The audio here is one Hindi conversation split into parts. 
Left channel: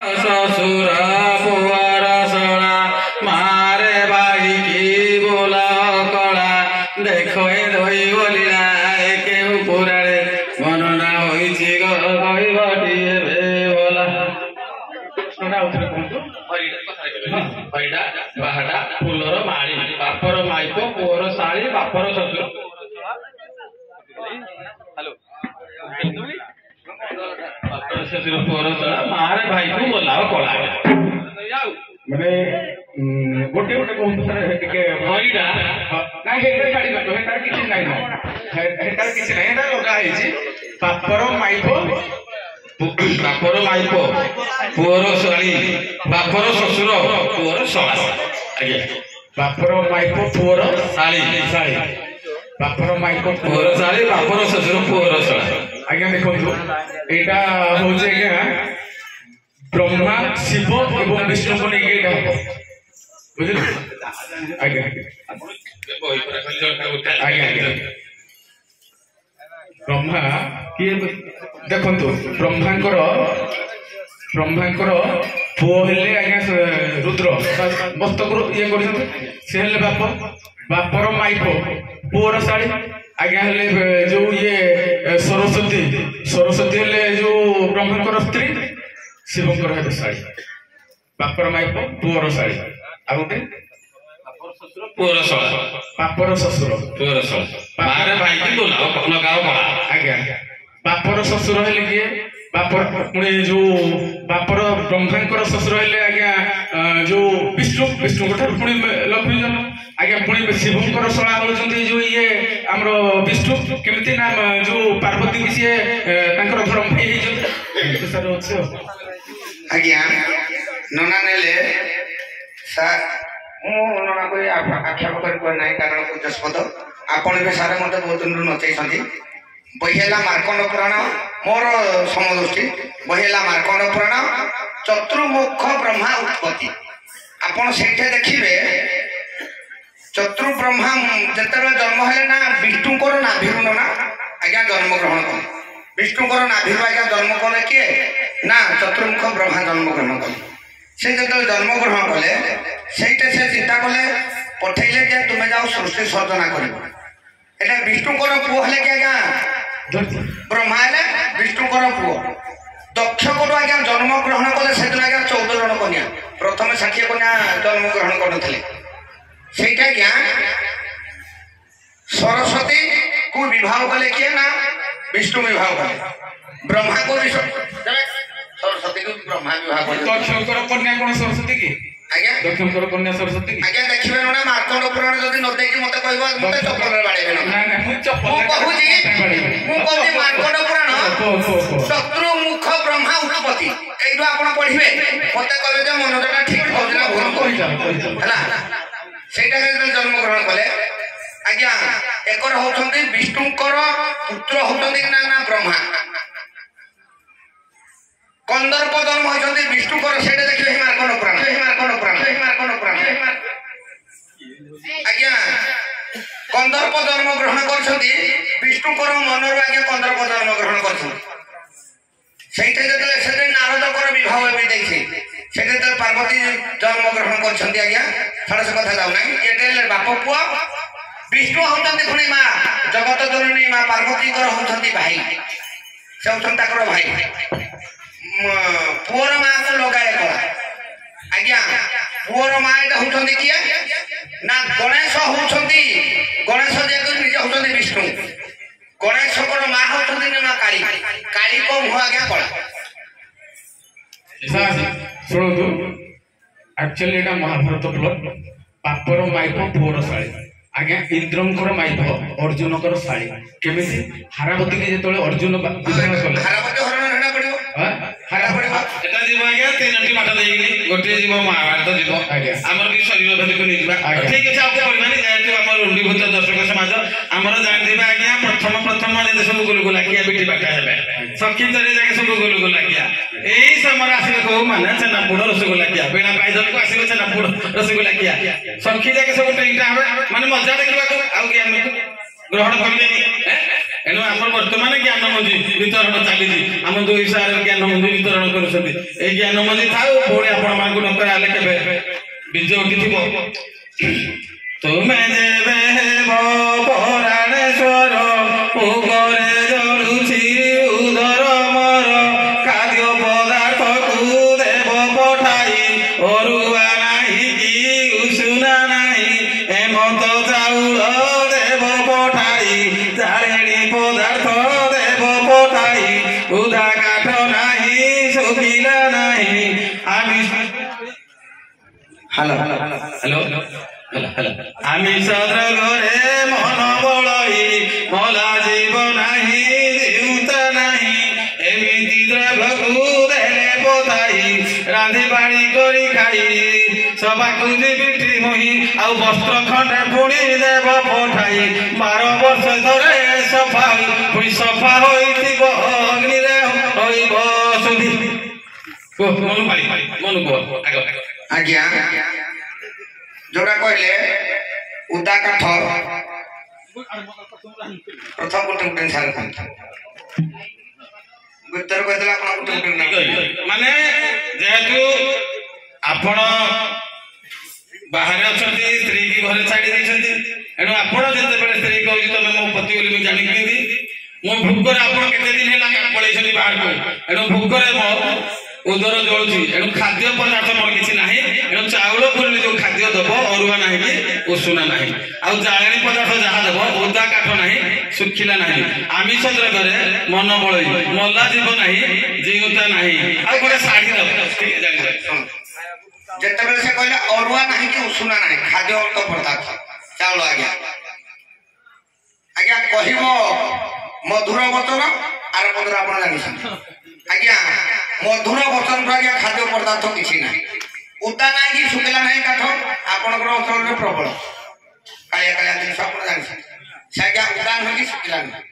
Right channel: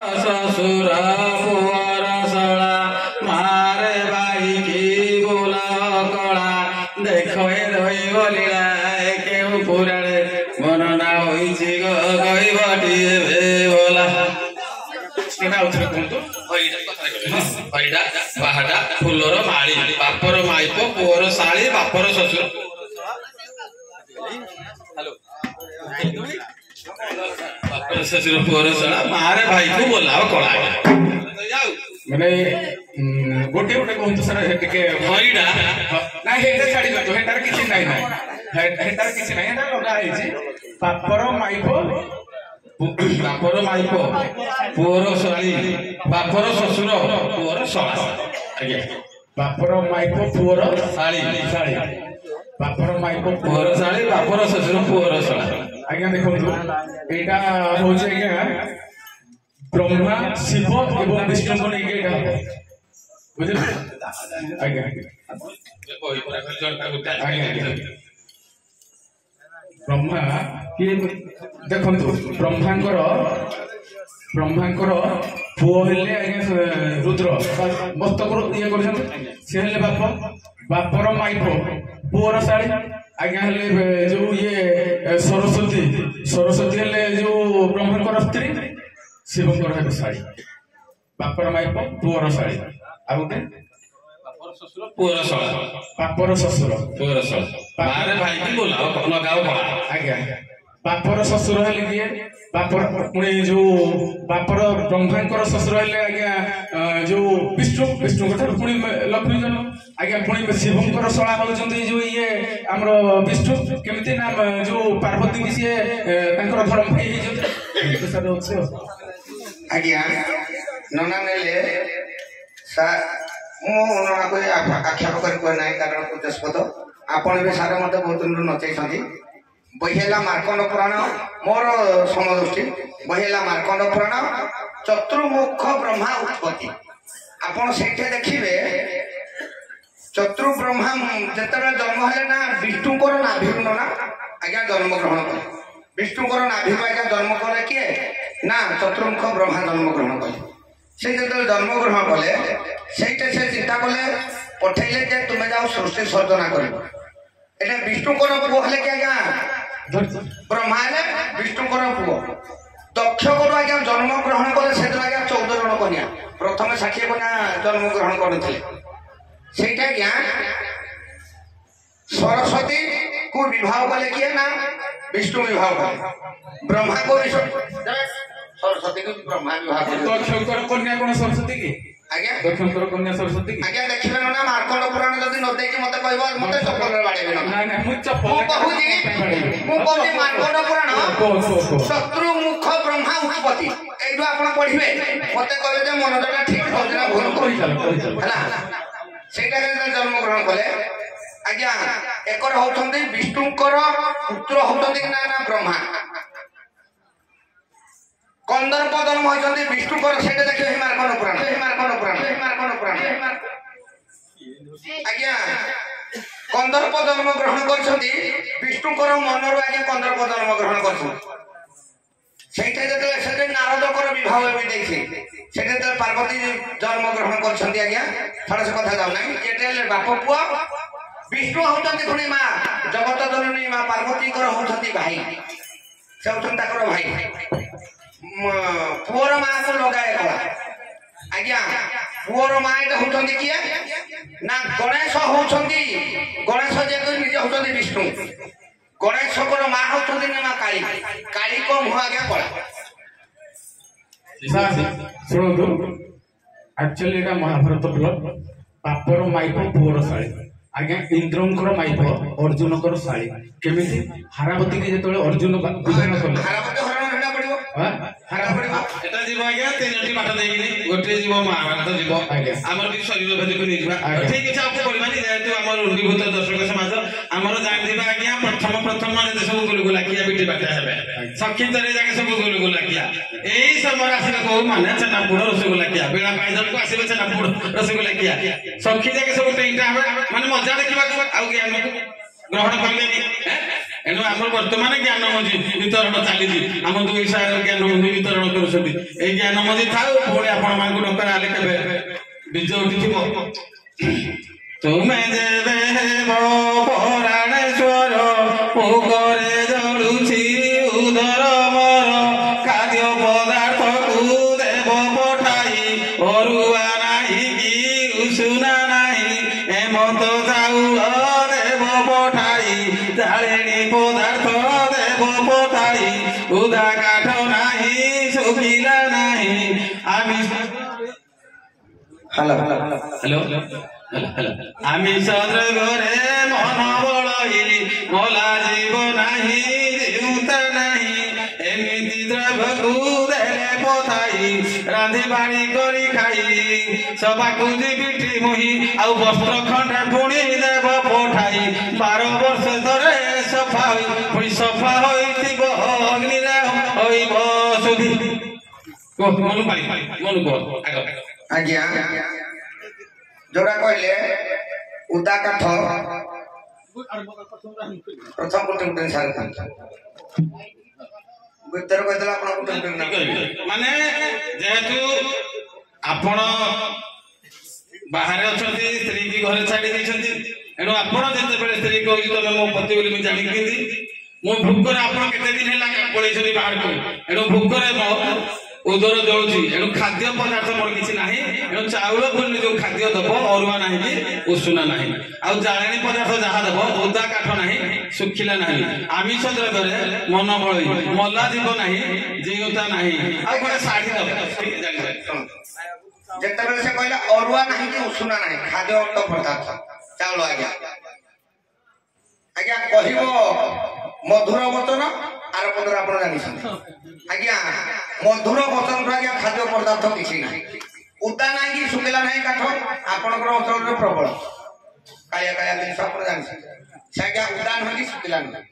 ससुर पुअर सड़ा मारे भाई की बोला कला देखो ए दई बोलिला केहू पुराणे मनना होइछि गो गइबटी बोला कोना उतरे कोंतो भाईडा बाहाडा फुलर माळी बापर माइपो पुअर साळी बापर ससुर हेलो बापर ससुर पुअर साळा मारे भाई को बोलाव कला माने गोटे गोटे कहूँ सर टिके भाईडा ना हेडा छाड़ी दो हेडा किछि नाही ना हेडा किछि नाही हेडा लगा आइछि बापर माइपो पुअर साळी बापर ससुर पुअर साळा आज्ञा बापर माइपो पुअर साळी साळी बापर माइपो पुअर साळी बापर ससुर पुअर साळा आज्ञा देखंतु एटा होजे आज्ञा ब्रह्मा शिव एवं विष्णु को नहीं एटा हो बुझिल आज्ञा बही पर जंटा उठा आज्ञा ब्रह्मा किए देखंतु ब्रह्मांकर पुओ हेले आज्ञा रुद्र मस्तक ये करछन से हेले बापर माइपो पुअर साड़ी आज्ञा हेले जो ये सरस्वती हेले जो ब्रह्मांकर स्त्री शिवंकर हेले साड़ी बापर माइपो पुअर साड़ी आ गोटे पुअर साळा बापर ससुर पुअर साळा मारे भाई की बोलाव लगाव कला आज्ञा बापर ससुर हेले किए बापर पुणे जो बापर ब्रह्मांकर ससुर हेले आज्ञा जो विष्णु ठार पुणी लक्ष्मी जन्म आज्ञा पुणी शिवंकर शला होउछन्ती जो ये हमरो विष्णु केमिति नाम जो पार्वती की से तांकर धर्म भाई हे जो सर अछि आज्ञा नना नेले सा मो नना को आख्याप कर नाही कारण पूजस्पद आपण भी सारे मते बहुत दिन नचैछन्ती बहेला मार्कंड पुराण मोर समदृष्टि बहेला मार्कंड पुराण चतुर्मुख ब्रह्मा उत्पत्ति आपण सेठे देखिबे चतुर ब्रह्मा जेतरे जन्म हेले ना विष्णुकर नाभिरु ना आज्ञा जन्म ग्रहण करे विष्णुकर नाभिरु आज्ञा जन्म करे के ना चतुर्मुख ब्रह्मा जन्म ग्रहण करे से जेतरे जन्म ग्रहण कले सेठे से चिंता कले पठैले जे तुमे जाओ सृष्टि सर्जना करिवो एटा विष्णुकर पुओ हेले के आज्ञा ब्रह्मा हेले विष्णुकर पुओ दक्ष को आज्ञा जन्म ग्रहण कले सेदिन आज्ञा 14 जन कन्या प्रथम 60 कन्या जन्म ग्रहण करथिले सेटा क्या सरस्वती को विवाह कले किए ना विष्णु विवाह कले ब्रह्मा को सरस्वती को ब्रह्मा विवाह कले दक्षकर कन्या कोन सरस्वती की आज्ञा दक्षकर कन्या सरस्वती की आज्ञा देखिबे ना मार्कंड पुराण जदी न देखि मते कहबा मते चप्पल बाड़ेबे ना ना मु चप्पल कहूजी मार्कंड पुराण शत्रुमुख ब्रह्मा उत्पत्ति एइबा आपण पढिबे मते कहबे जे मनटा ठीक कहजना भूल कहि हला सेटा के जन्म ग्रहण कले आज्ञा एकर होउछन्ती विष्णुकर पुत्र होउछन्ती ना ना ब्रह्मा कंदर्प जन्म होउछन्ती विष्णुकर सेटा देखिबे हे मार्कंड पुराण आज्ञा कंदर्प जन्म ग्रहण करछन्ती विष्णुकर मनर आज्ञा कंदर्प जन्म ग्रहण करछन्ती सेटा जतले सेटे नारदकर विवाह होबे देखि सेटे त पार्वती जन्म ग्रहण करछन्ती आज्ञा फरस कथा जाउ नै एटेले बाप पुआ विष्णु होउछन्ती खुनी मा जगत जननी मा पार्वती कर होउछन्ती भाई से होउछन्ती ताकर भाई पुअर मा को लगाए कला आज्ञा पुअर मा एटा होउछन्ती किए ना गणेश होउछन्ती गणेश जे को निज होउछन्ती विष्णु गणेश को मा होउछन्ती ना मा काली को मुह आज्ञा कला शुणु एक्चुअली एटा महाभारत प्लॉट बापर माइप पुअर साड़ी आज्ञा इंद्रंकर माइप अर्जुनकर साड़ी केमिति हारावती के जेतले अर्जुन विवाह कले हारावती हरण हेना पड़िबो हारावती एटा जीव आज्ञा तीनटी बाटा देई गोटे जीव महाभारत जीव हमर की शरीर धरि को निजबा ठीक अछि आपको परिमानी जेतु हमर रुंडीभूत दर्शक समाज हमर जान दिबा आज्ञा प्रथम माने सब गुलगुला किया बेटी बाटा हेबे सखी तरे जाके सब गुलगुला किया एई समय आसी को माने चनापुड़ रसगुल्ला किया बेड़ा पाइदल को आसी चनापुड़ रसगुल्ला किया सखी जाके सब टेंटा माने मजा देखिबा को आउ ज्ञान ग्रहण करिए एनु ଆମର ବର୍ତ୍ତମାନ ଜ୍ଞାନ ମଞ୍ଜି ବିତରଣ ଚାଲିଛି ଆମ ଦୁଇ ସାର ଜ୍ଞାନ ମଞ୍ଜି ବିତରଣ କରୁଛନ୍ତି ଏଇ ଜ୍ଞାନ ମଞ୍ଜି ଥାଉ ପୁଣି ଆପଣମାନଙ୍କୁ ଡଙ୍କର ଆଲେ କେବେ ବୀଜ ଉଠିଥିବ ତୁମେ ଯେବେ ହେବ ପରାଣେଶ୍ୱର ଭୋଗରେ ଜଳୁଛି ଉଦର ମୋର ଖାଦ୍ୟ ପଦାର୍ଥକୁ ଦେବ ପଠାଇ ଅରୁଆ ନାହିଁ କି ଉଷୁନା ନାହିଁ ହେମନ୍ତ ଚାଉଳ ଦେବ ପଠାଇ ଜାଳେଣୀ ପଦାର୍ଥ ଦେବ ପଠାଇ ଉଦା କାଠ ନାହିଁ ଶୁଖିଲା ନାହିଁ ଆମିଷ ଆମିଷ ଦ୍ରବ୍ୟରେ ମନ ବଳଇ ମଲା ଯିବ ନାହିଁ ଜିଉତା ନାହିଁ ଏମିତି ଦ୍ରବ୍ୟକୁ ଦେଲେ ପତାଇ ରାନ୍ଧି ବାଡ଼ି କରି ଖାଇ ସଭାକୁ ଯିବିଟି ମୋହି ଆଉ ବସ୍ତ୍ର ଖଣ୍ଡେ ପୁଣି ଦେବ ପଠାଇ 12 ବର୍ଷ ଧରେ ସଫା ପୁଣି ସଫା ହୋଇଥିବ ଅଗ୍ନିରେ ହୋଇବ ଶୁଦ୍ଧି ମନୁ କୁହ ଆଜ୍ଞା ଯୋଉଟା କହିଲେ ଉଦା କାଠ ପ୍ରଥମ ଗୋଟେ ସାର ଭିତରେ କହିଦେଲେ ଆପଣ ମାନେ ଯେହେତୁ ଆପଣ ବାହାରେ ଅଛନ୍ତି ସ୍ତ୍ରୀ କି ଘରେ ଛାଡି ଦେଇଛନ୍ତି ଏଣୁ ଆପଣ ଯେତେବେଳେ ସ୍ତ୍ରୀ କହୁଛି ତମେ ମୋ ପତି ବୋଲି ମୁଁ ଜାଣିଛନ୍ତି ମୁଁ ଭୋକରେ ଆପଣ କେତେ ଦିନ ହେଲା ପଳେଇଛନ୍ତି ବାହାରକୁ ଏଣୁ ଭୋକରେ ମୋ ଉଦର ଜଳୁଛି ଏଣୁ ଖାଦ୍ୟ ପଦାର୍ଥ ମୋର କିଛି ନାହିଁ ଏଣୁ ଚାଉଳ ପୁରିଲେ ଯୋଉ ଖାଦ୍ୟ ଦେବ ଅରୁଆ ନାହିଁ କି ଉଷୁନା ନାହିଁ ଆଉ ଜାଳେଣୀ ପଦାର୍ଥ ଯାହା ଦେବ ଓଦା କାଠ ନାହିଁ ଶୁଖିଲା ନାହିଁ ଆମିଷ ଦ୍ରବ୍ୟରେ ମନ ବଳଇ ମଲା ଯିବ ନାହିଁ ଜିଉତା ନାହିଁ ଆଉ ଗୋଟେ ଶାଢୀ ଦେବ ଯେତେବେଳେ ସେ କହିଲେ ଅରୁଆ ନାହିଁ କି ଉଷୁନା ନାହିଁ ଖାଦ୍ୟ ପଦାର୍ଥ ଚାଉଳ ଆଜ୍ଞା ଆଜ୍ଞା କହିବ ମଧୁର ବଚନ ଆର ପଦର ଆପଣ ଜାଣିଛନ୍ତି ଆଜ୍ଞା ମଧୁର ବଚନଠୁ ଆଜ୍ଞା ଖାଦ୍ୟ ପଦାର୍ଥ କିଛି ନାହିଁ ଉଦା ନାହିଁ କି ଶୁଖିଲା ନାହିଁ କାଠ ଆପଣଙ୍କର ଅଞ୍ଚଳରେ ପ୍ରବଳ କାଳିଆ କାଳିଆ ଜିନିଷ ଆପଣ ଜାଣିଛନ୍ତି ସେ ଆଜ୍ଞା ଉଦା ନୁହେଁ କି ଶୁଖିଲା ନୁହେଁ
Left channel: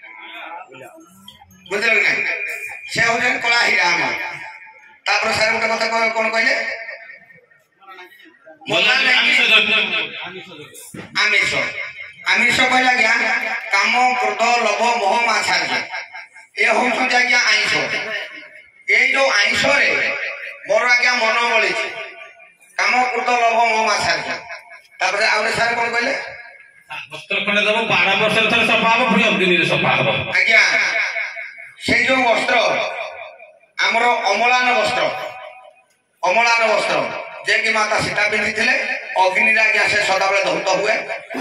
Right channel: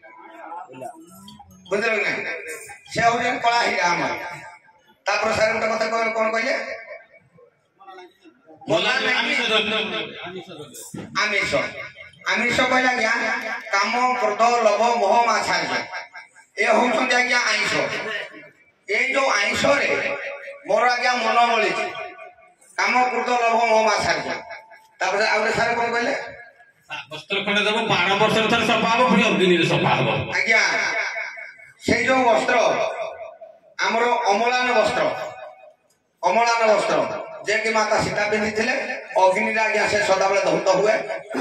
ବୁଝିଲେ କି ନାହିଁ ସେ ହଉଛନ୍ତି କଳା ହୀରା ଆମର ତାପରେ ସାର୍ ଗୋଟେ କଥା କଣ କହିଲେ ଆମିଷ ଆମିଷ କହିଲେ ଆଜ୍ଞା କାମ କ୍ରୋଧ ଲୋଭ ମୋହ ମାଛାର୍ଯ୍ୟ ଏ ହଉଛନ୍ତି ଆଜ୍ଞା ଆଇଁଷ ଏଇ ଯୋଉ ଆଇଁଷରେ ମୋର ଆଜ୍ଞା ମନ ବଳିଛି କାମ କ୍ରୋଧ ଲୋଭ ମୋହ ମାଛାର୍ଯ୍ୟ ତାପରେ ଆଉ ସାର୍ କଣ କହିଲେ ବସ୍ତ୍ର ଖଣ୍ଡେ ଦେବ 12 ବର୍ଷରେ ଥରେ ସଫା ହବ ପୁଣି ଅଗ୍ନିରେ ସଫା ହବ ଆଜ୍ଞା ସେଇ ଯୋଉ ବସ୍ତ୍ର ଆମର ଅମଳାନ ବସ୍ତ୍ର ଯେ କି ମାତା ସୀତା ପିନ୍ଧିଥିଲେ ଅଗ୍ନିରେ ଆଜ୍ଞା ସେ ସଦାବେଳେ ଧୌତ ହୁଏ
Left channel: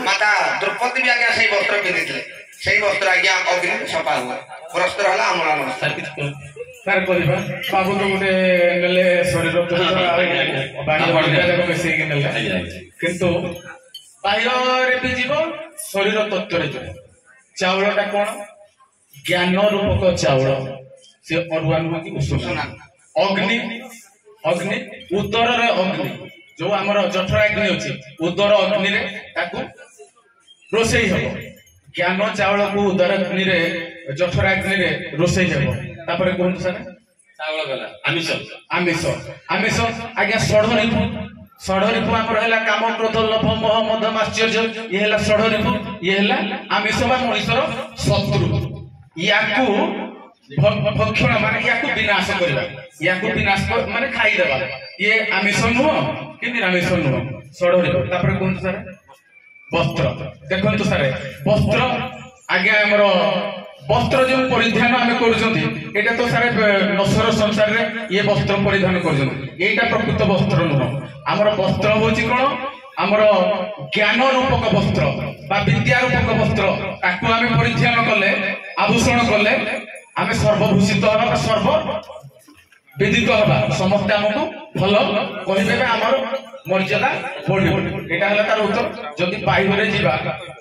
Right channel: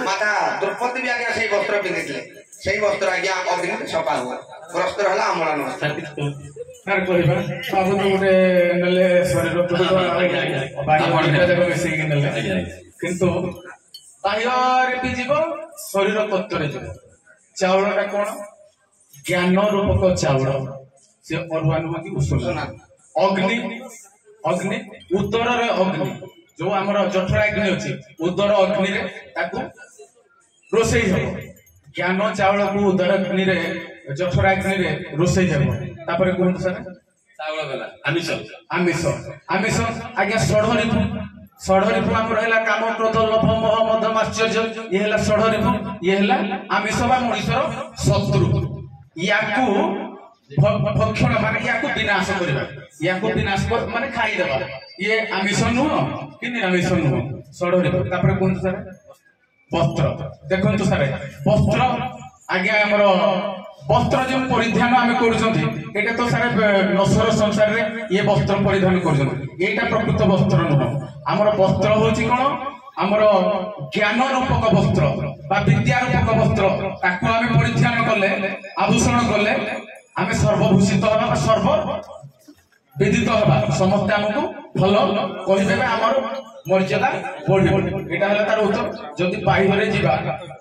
ମାତା ଦ୍ରୌପଦୀ ବି ଆଜ୍ଞା ସେଇ ବସ୍ତ୍ର ପିନ୍ଧିଥିଲେ ସେଇ ବସ୍ତ୍ର ଆଜ୍ଞା ଅଗ୍ନିରେ ସଫା ହୁଏ ବସ୍ତ୍ର ହେଲା ଅମଳାନ ବସ୍ତ୍ର କହିବା ବାବୁ ତ ଗୋଟେ ନେଲେ ଶରୀର ମିଶେଇକି ନେଲେ କିନ୍ତୁ ବାହ୍ୟରେ ବି ଯିବ ଶରୀର ତତ୍ତ୍ୱରେ ଯିବ ଚାଉଳଟା କଣ ଜ୍ଞାନ ରୂପକ ଚାଉଳ ସେ ଅରୁଆ ନୁହଁ କି ଉଷୁନା ଅଗ୍ନି ଅଗ୍ନି ଉଦରରେ ଅଗ୍ନି ଯୋଉ ଆମର ଜଠରାଗ୍ନି ଅଛି ଉଦର ଅଗ୍ନିରେ ତାକୁ ରୋଷେଇ ହେବ ଜ୍ଞାନ ଚାଉଳକୁ ଉଦର ଅଗ୍ନିରେ ଜଠରାଗ୍ନିରେ ରୋଷେଇ ହେବ ତାପରେ କୁହନ୍ତୁ ସାର୍ ଚାଉଳ ଗଲା ଆମିଷ ଆମିଷ ଆମିଷ ଆଜ୍ଞା ଷଢ଼ରିପୁ ଆମର ହେଲା କାମ କ୍ରୋଧ ଲୋଭ ମୋହ ମଦ ମାଶ୍ଚର୍ଯ୍ୟ ଇଏ ହେଲା ଷଢ଼ରିପୁ ଇଏ ହେଲା ଆମିଷ ବା ମଣିଷର ଶତ୍ରୁ ୟାକୁ ଭକ୍ଷଣ ମାନେ ୟାକୁ ବିନାଶ କରିବା ୟାକୁ ବିନାଶ ମାନେ ଖାଇଦେବା ଇଏ ଆମିଷ ନୁହଁ କି ନିରାମିଷ ନୁହଁ ଷଢ଼ରିପୁ ତାପରେ କୁହନ୍ତୁ ସାର୍ ବସ୍ତ୍ର ଦେଖନ୍ତୁ ସାର୍ ବସ୍ତ୍ର ଆଜ୍ଞା ଆମର ବସ୍ତ୍ର ଯୋଉ ପରିଧାନ ଆମେ କରୁଛନ୍ତି ଏଇଟା ତ ସାର୍ ନଶ୍ୱର ସଂସାରରେ ଇଏ ବସ୍ତ୍ର ପରିଧାନ କରୁଛନ୍ତି ଏଇଟା ପ୍ରକୃତ ବସ୍ତ୍ର ନୁହଁ ଆମର ବସ୍ତ୍ର ହଉଛି କଣ ଆମର ଜ୍ଞାନ ରୂପକ ବସ୍ତ୍ର ବା ବିଦ୍ୟା ରୂପକ ବସ୍ତ୍ର ତାକୁ ଆମେ ପରିଧାନ କଲେ ଆଭୂଷଣ କଲେ ଆମେ ସର୍ବଭୂଷିତ ହେବା ବା ସର୍ବ ବିଦିତ ହେବା ସମସ୍ତେ ଆମକୁ ଭଲ କହିବେ ଆମର ମର୍ଯ୍ୟାଦା ବଢିବ ଏଇଟା ହେଲା ତାର ଉତ୍ତର ଯଦି ବାଇବରେ ଯିବା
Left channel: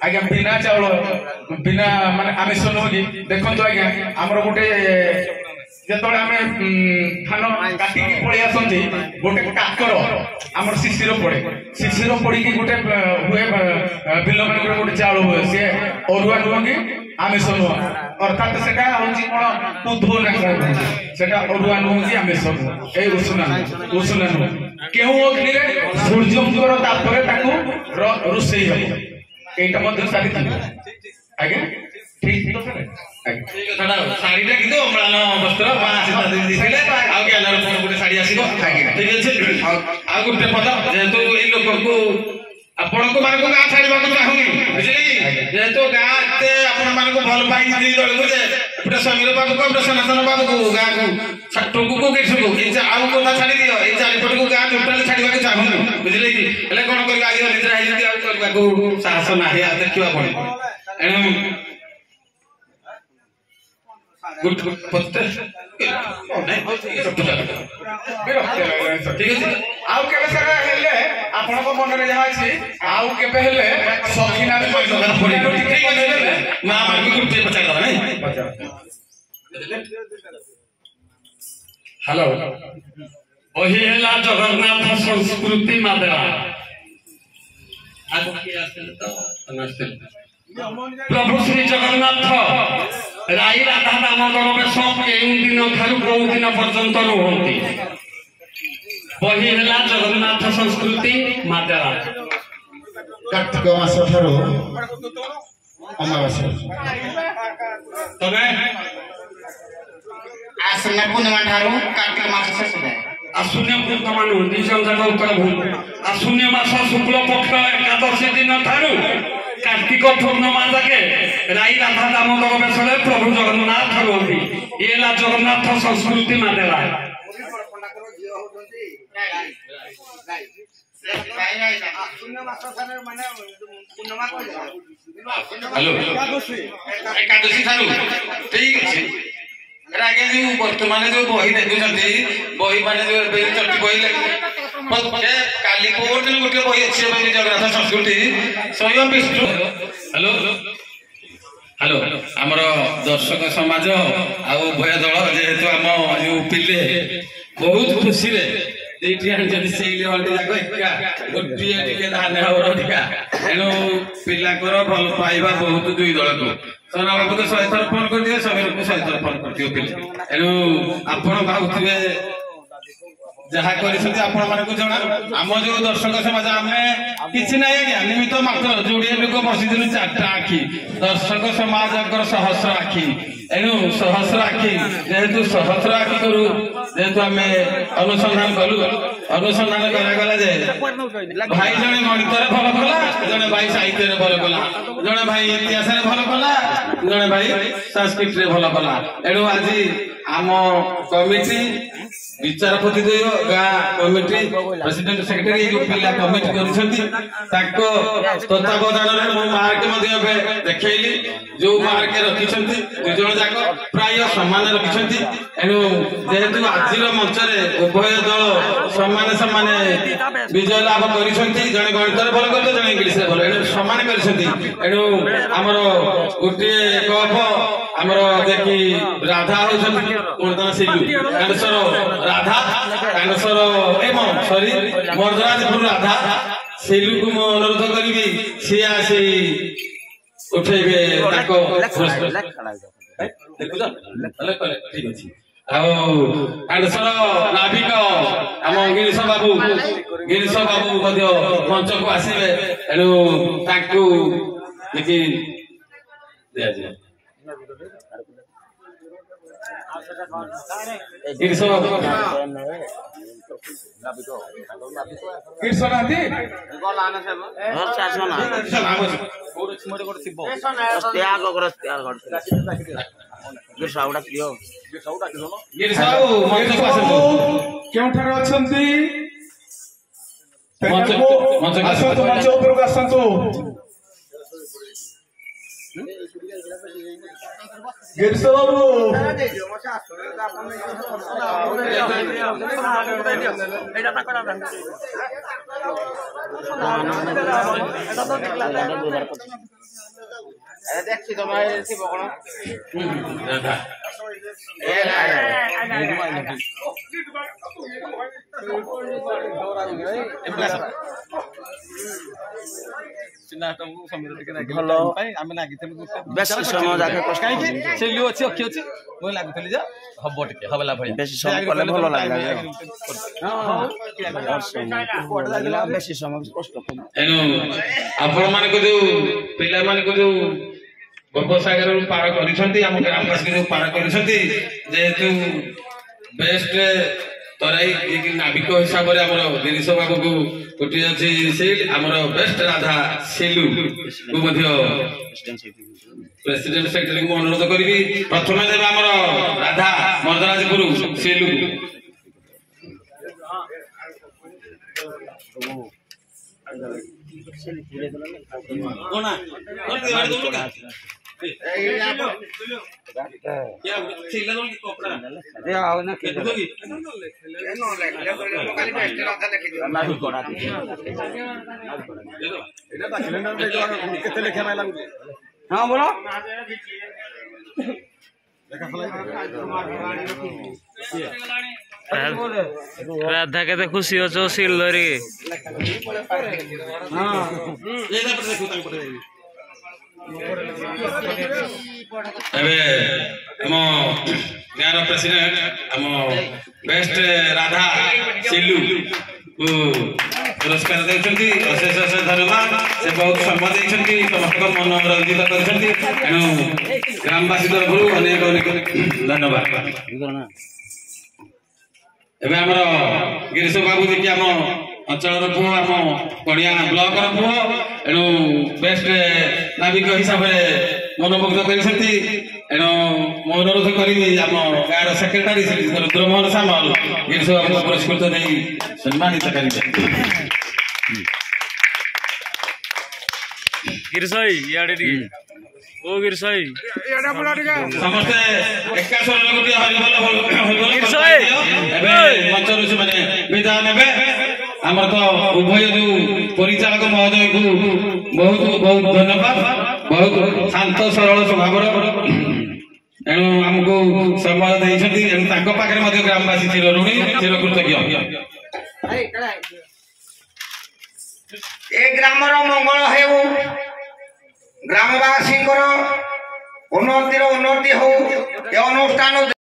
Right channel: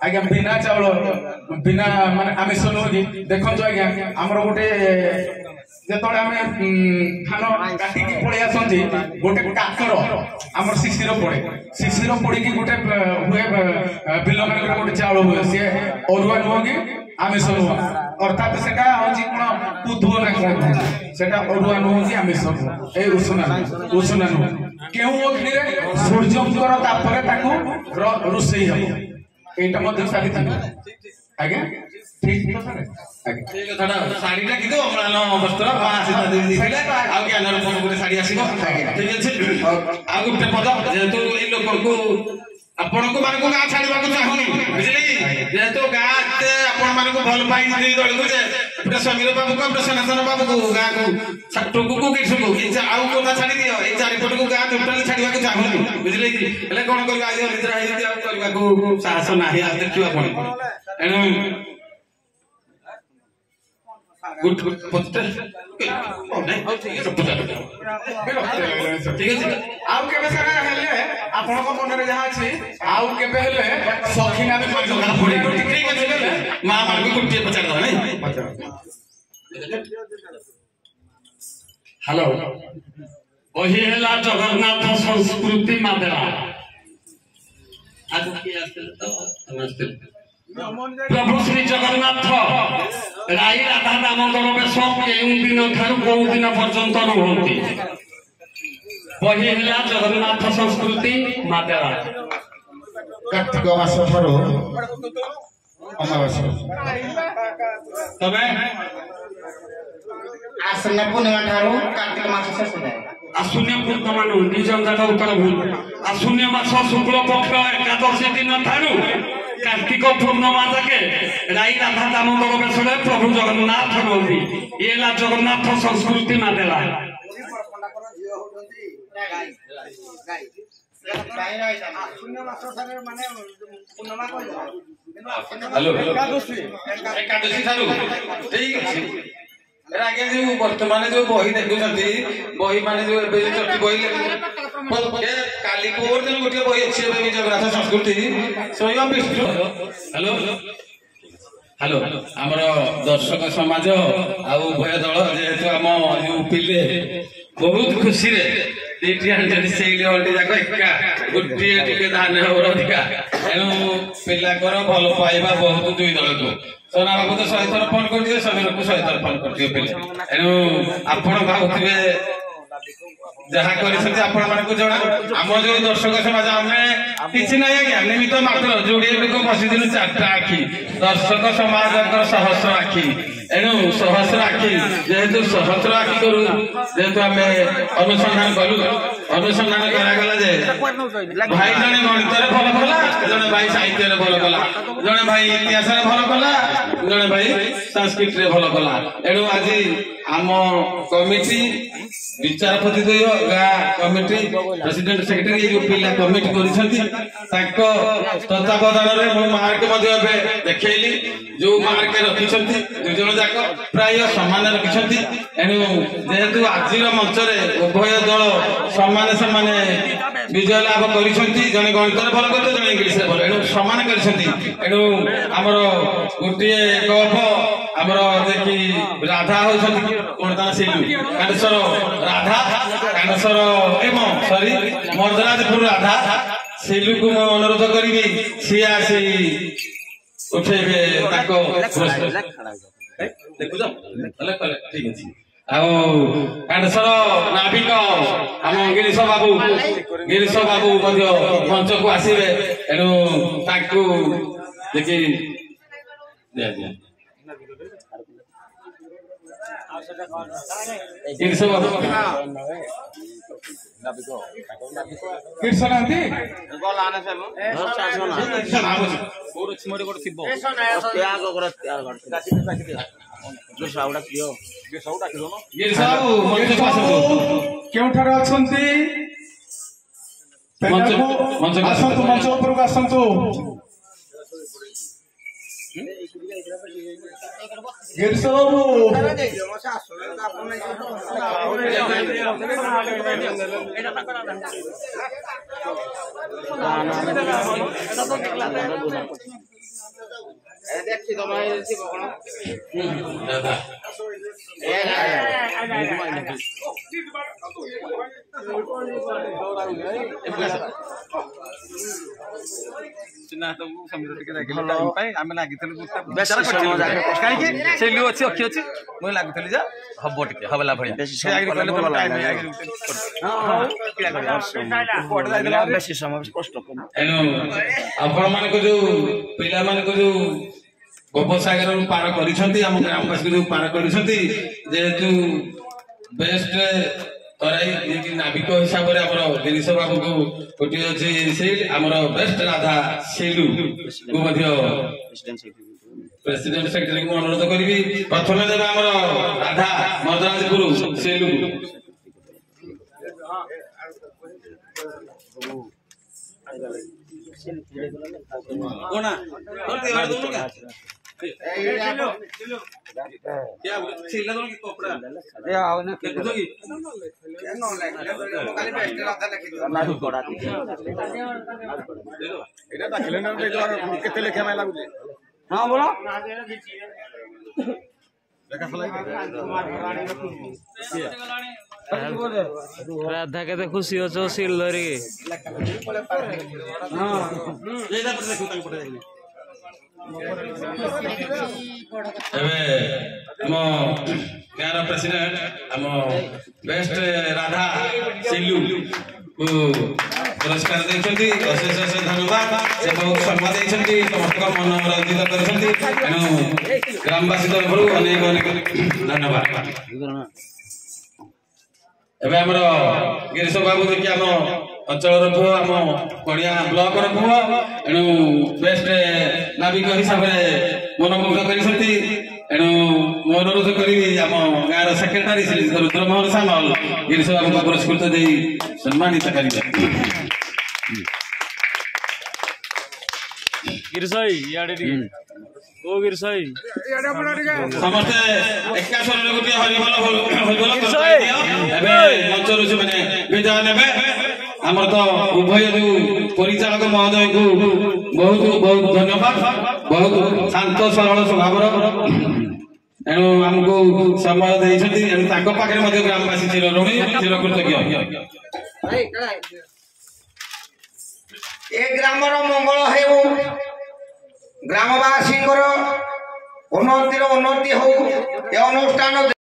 ଆଜ୍ଞା ବିନା ଚାଉଳ ବିନା ମାନେ ଆମିଷ ନୁହଁ କି ଦେଖନ୍ତୁ ଆଜ୍ଞା ଆମର ଗୋଟେ ଯେତେବେଳେ ଆମେ ଧାନ କାଟିକି ପଳେଇ ଆସନ୍ତି ଗୋଟେ କାକର ଆମର ଶିଶିର ପଡିକି ଗୋଟେ ହୁଏ ବିଲ ମାନଙ୍କର ଗୋଟେ ଚାଉଳ ହୁଏ ସିଏ ଅରୁଆ ନୁହଁ କି ଆମିଷ ନୁହଁ ଅର୍ଥାତ୍ ସେଟା ହଉଛି କଣ କୁଧୁଅ ନା କଣ ସେଟା ଅରୁଆ ନୁହଁ କି ଆମିଷ ନୁହଁ ଏଇ ଉଷୁନା ନୁହଁ କେଉଁ ଅଗ୍ନିରେ ସୂର୍ଯ୍ୟଙ୍କର ତାପରେ ତାକୁ ରୋଷେଇ ହବ ଏଇଟା ମଧ୍ୟ ସାରିଥିବ ଆଜ୍ଞା ଠିକ ତ ସାର୍ ସେଇ କଥାଟା ଶାଢୀଟା କିନ୍ତୁ ଅମ୍ଳାନ ବସ୍ତ୍ର ସୀତା ଦେବୀ ଦେଇଥିଲେ ଆଉ ଜ୍ଞାନର ଗୋଟେ ଶାଢୀ ଆସିବ ଠିକ ଅଛି ଆଉ ଗୋଟେ ପଦ ଯେହେତୁ ଏଇ ଲୋକଙ୍କୁ ଆପଣଙ୍କୁ ମାନଙ୍କୁ ଗାଁ ଛାଡିବାକୁ ଚାହୁଁନି ବୁଝିଲେ କି ଯେହେତୁ ଗାଁ ଏତେ ଆପଣ ମାନଙ୍କୁ ଭଲ ପାଇକି ଦୁଇ ଦଳକୁ ଯେ ଏପଟେ ସମୀର ବାବୁକୁ ଏପଟେ ସନାତନ ବାବୁକୁ ଗାଁକୁ ଟୁକୁକୁ କିଛୁକୁ ଆଉ କଥା ଛାଡି ଦିଅ ଏଇ ଚାରିପଟକୁ ଗାଁ ଟୋଟାଲି ଛାଡିବାକୁ ଚାହୁଁନି ବୁଝିଲେ କି ହେଲେ କଣ କରିବା ଆଜି ଅନିଦ୍ରା ହେଇଛନ୍ତି ଆଉ କରିବାକୁ ସାହସ ନାହିଁ ଆଉ ଦେଖିବା ପଡେ ଏଣୁ ଠିକ ଅଛି ଆଉ କେବେ ସାରା ହେଲେ ଆପଣଙ୍କ ମନରେ ଯାହା ଅଛି ଆଉ କେବେ ହେଲେ ସଖୀ ନାରୀ ମା ମାନଙ୍କୁ ଗୋଟିଏ ପଚାରିଦବା ନାଇଁ ହ୍ୟାଲୋ ବହି ହେଲା ଜଗନ୍ନାଥ ସଂସ୍କୃତି ମାଦେରା ପ୍ରଭୁ ଶ୍ରୀ ଜଗନ୍ନାଥ ରାଇ ରାଧା ଦାମୋଦର ବେଶ କେଉଁ ଦିନ ଠାରୁ କୋଉ ଦିନ ପର୍ଯ୍ୟନ୍ତ ରୁହନ୍ତି ବହି ହେଲା ଜଗନ୍ନାଥ ସଂସ୍କୃତି ମାଦେରା କାର୍ତ୍ତିକ ମାସ ଠାରୁ ଅମାବାସ୍ୟା ତବେ ଆଶ୍ଵିନ ପୂର୍ଣ୍ଣିମା ଠାରୁ କାର୍ତ୍ତିକ ମାସ ଶେଷ ଯାଏ ଆଶ୍ୱିନ ପୂର୍ଣ୍ଣିମା ନିଜ ଯାକ ଉତ୍ତର ଭୁଲ ଆଶ୍ୱିନ ମାସ ଶୁକ୍ଳ ପକ୍ଷ ଏକାଦଶୀ ଦିନ ଠାରୁ कार्तिक पूर्णिमा जाके राई राधा दामोदर बेशरे प्रभु जगन्नाथ रुहति ये ହେଲା ଜଗନ୍ନାଥ ସଂସ୍କୃତି ମାନେଲା एकादशी ठारू ठीक अछि आगे जो वर्तमान जो बही देखुଛନ୍ତି बही माने जो चटी बही काली पोर दिन गोटे बही अछि जगन्नाथ संस्कृति स्वयं विष्णु हेलो हेलो आमर दर्शक समाज आ उभय दल जेहेतु आम पिले बहुत खुशी रे गोटे धान हबर अधिका तेणु पिलाकर भल पाइबा बहुत दुई दल को सोना बाबू तो 100 थर फोन कर दियो समीर को 100 थर फोन कर दियो पिले तेणु आपण भावुथिबे जहाँ कर जना आम जो दर्शक समाज आम कि ना निमित्त मात्र जोड़े लोक बसी 4टा आखि दर्शक समाज सहस्र आखि एणु सहस्र आखि जेहेतु सहस्र आखि करू जेहेतु आम अनुसंधान कलु अनुसंधान करागला जे भाई जने गणित भल कला जने भाई साहित्य भल कला जने भाई इतिहास भल कला जने भाई संस्कृत भल कला एणु आज आम कमिटी विचारपति द्वय गाँ कमिटी प्रेसिडेंट सेक्रेटरी जो पिला कमिटी तत्वावधान मार्क देखली जो मार्क रखिंट दुई जन जाक प्राय सामान रखिंट एणु जेहेतु आज मंच उभय दल सामान सामान विजय लाभ कर जड़े गणित भल कर जड़े इंग्लीश भल एणु सामान करेणु आमर गोटे कप आमर देखी राधा होती कांडेश्वर राधा कांडेश्वर एवं सॉरी मर्दराजपुर राधा सेलू को मैं अनुरोध करी सी आसी उठेबे ठीक अच्छे कांडेश्वर नाविक आम गिरीश बाबू मंच को आसवे एणु देखी दिया गिरीश बाबू केउठारे अछंती आसंतु मंच उपरକୁ आसंतु गिरीश बाबू देखी तुम्हारे ଗୋପସାଗର ପାର କରିଛନ୍ତି ଆମ ଗ୍ରାମବାସୀ ଯୋଉ ପାର କରିଛନ୍ତି ଯେହେତୁ ବେଷ୍ଟ ତରାଇ ନାବିକ ହିସାବରେ ଆମର ଗିରିଶ ବାବୁଙ୍କୁ ଗୋଟିଏ ଅଛି ସିଲ୍ ଆମର ବେଷ୍ଟ ରାଧା ସିଲୁ କୁ ମଧ୍ୟ ପ୍ରେସିଡେଣ୍ଟ ସେକ୍ରେଟାରୀଙ୍କୁ ଅନୁରୋଧ କରିବି ପ୍ରଥମେ ଦେବେ ଆମର ରାଧା ମର୍ଦରାଜପୁର ସିଲୁ हाँ बोलो ରାଧା କେତେ ଖୁସି ଅଛ ସିଲ୍ ଧରିକି ଏବେ ଆମ ଗାଁର ପ୍ରେସିଡେଣ୍ଟ ଆମ ବେଷ୍ଟ ରାଧା ସିଲୁ ପୁରସ୍କାର ଦେଇଛନ୍ତି ଅଶେଷ ଅଶେଷ ଧନ୍ୟବାଦ ସେ ବହୁତ ସମ୍ମାନ ଦେଇଛନ୍ତି ସମସ୍ତଙ୍କ ମନ ରଞ୍ଜିତ କରିଛନ୍ତି ତେଣୁ ଗ୍ରାମବାସୀ ତରଫରୁ ଅନେକ ଅନେକ ଧନ୍ୟବାଦ ଏବେ ଆମର ଗିରିଶ ବାବୁ ଦେଖି ଆମ ଅଞ୍ଚଳର ପୁଅ ଆମ ପଡ଼ିଆ ବ୍ଲକର ପୁଅ ଏଣୁ ବେଷ୍ଟ ନାବିକ ହିସାବରେ ମନମୁଗ୍ଧ କରିଛନ୍ତି ଏଣୁ ମୁଁ ଅନୁରୋଧ କରିବି ଆମ ଗାଁର ସେକ୍ରେଟାରୀ ଶ୍ରୀ ରୁଦ୍ରମୋହନ ସାମଲ ଗିରିଶ ବାବୁଙ୍କ ପୁରସ୍କୃତ ଦେଇ ସମ୍ମାନିତ କରିବେ ଗିରିଶ ଇଆଡେ ଟିକେ ଓ ଗିରିଶ ସମସ୍ତେ ଏକା ସ୍ୱରରେ ଗୋଟିଏ ହରିବୋଲ ଏବେ ମଞ୍ଚରୁ ସେମାନେ ବିଦାୟ ନେବେ ଆମର ତ ଉଭୟ ଯୋଉ ପରିଚାଳକ ମହୋଦୟଙ୍କୁ ବହୁତ ବହୁତ ଧନ୍ୟବାଦ ବହୁତ ଶାନ୍ତ ସରଳ ସ୍ୱଭାବର ଏଣୁ ଆମକୁ ସମୟ ଦେଇଛନ୍ତି ଏଣୁ ତାଙ୍କ ପାଖରେ ମଧ୍ୟ ଗ୍ରାମବାସୀ ଚିରଋଣୀ ଚିରକୃତଜ୍ଞ ଏ ଗ୍ରାମର ମଙ୍ଗଳ ହେଉ ଗ୍ରାମବାସୀଙ୍କର ଉନ୍ନତିର ଉନ୍ନତି ହଉ ଏ ଅନୁଷ୍ଠାନ